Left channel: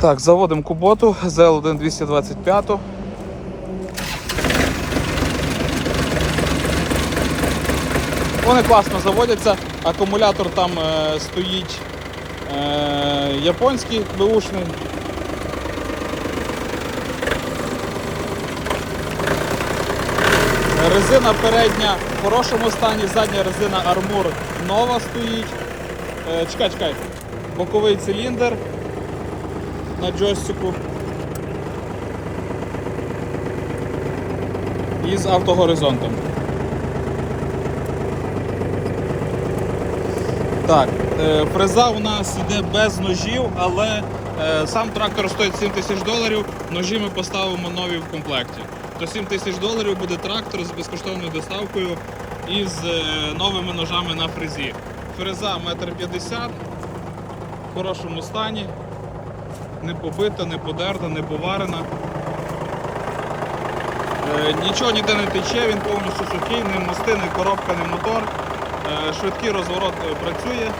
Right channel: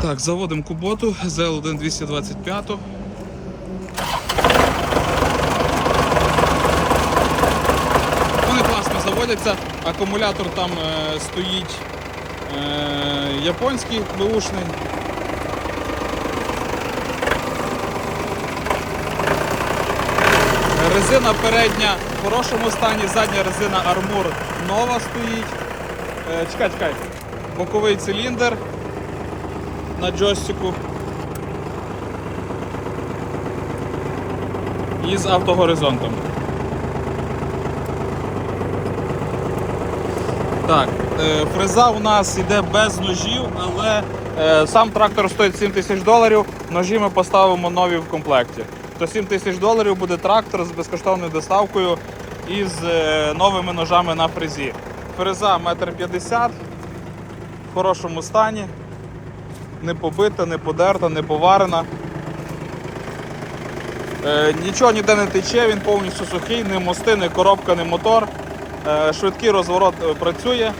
Так, заводимо куботу ZL1 225. Вони класно заводяться, акумулятор там е, стоїть е, японський беушний. Резина передня в хорошому стані, задня резина Armour нова стоїть. Е, чекай, чекай. Боковий циліндр на джойстику. І з автогоризонтом. Так, е, фреза у нас йде без ножів, але е, сам трактор стоїть 7 тисяч доларів. Ножі ми поставимо нові в комплекті. То 7 тисяч доларів буде трактор з безкоштовною доставкою і з е, новими ножами на фрезі. Фреза 1,50 м в хорошому стані, не побита, не подерта, не поварена. Е, Нічого ніде не тече, він повністю сухий, ні мости, ні коробка, ні мотор. Е, Швидкий розворот е, працює.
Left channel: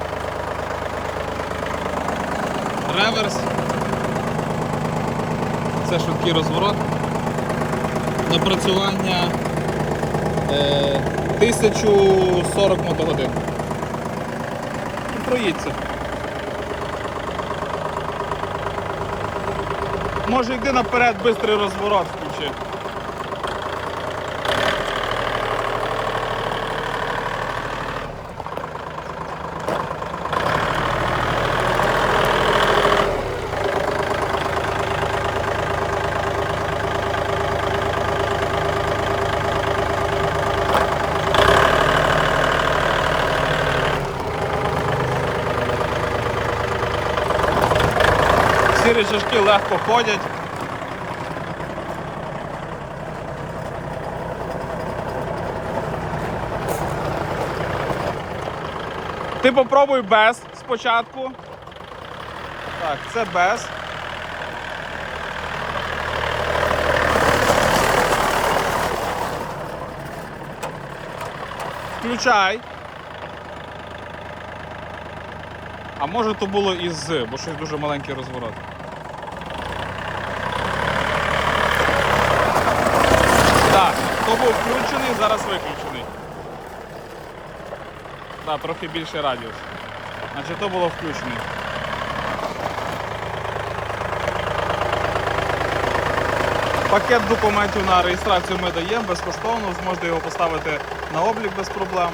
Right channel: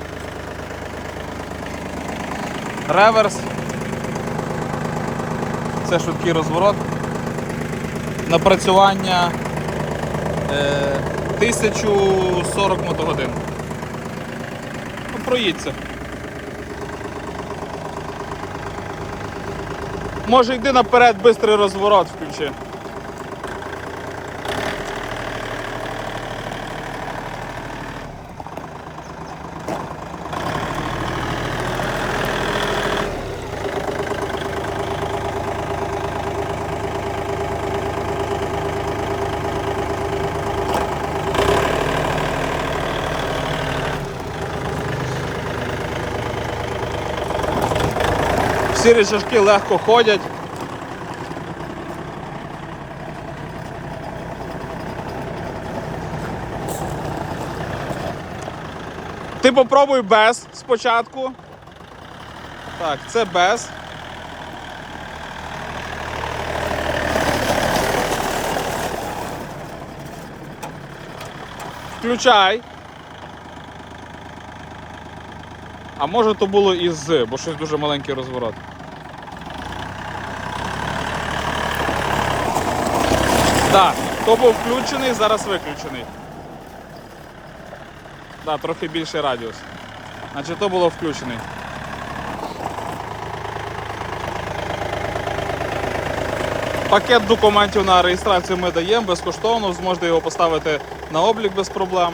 Реверс. Це швидкий розворот. Напрацювання е, 1040 мотогодин. Проїдься. Може йди наперед, швидкий розворот включи. Всі речашки легко ходять. Ти попробуй без спочатку. Так, це без. Включай. А може то було і з, бо щось дуже маленький розворот. Так, то був включений, зараз виключений. Так, трохи більше радіус. Значить, то було включений. Пакет документів на реєстрацію ми даємо безкоштовно, зможете його поставити на облік без проблем.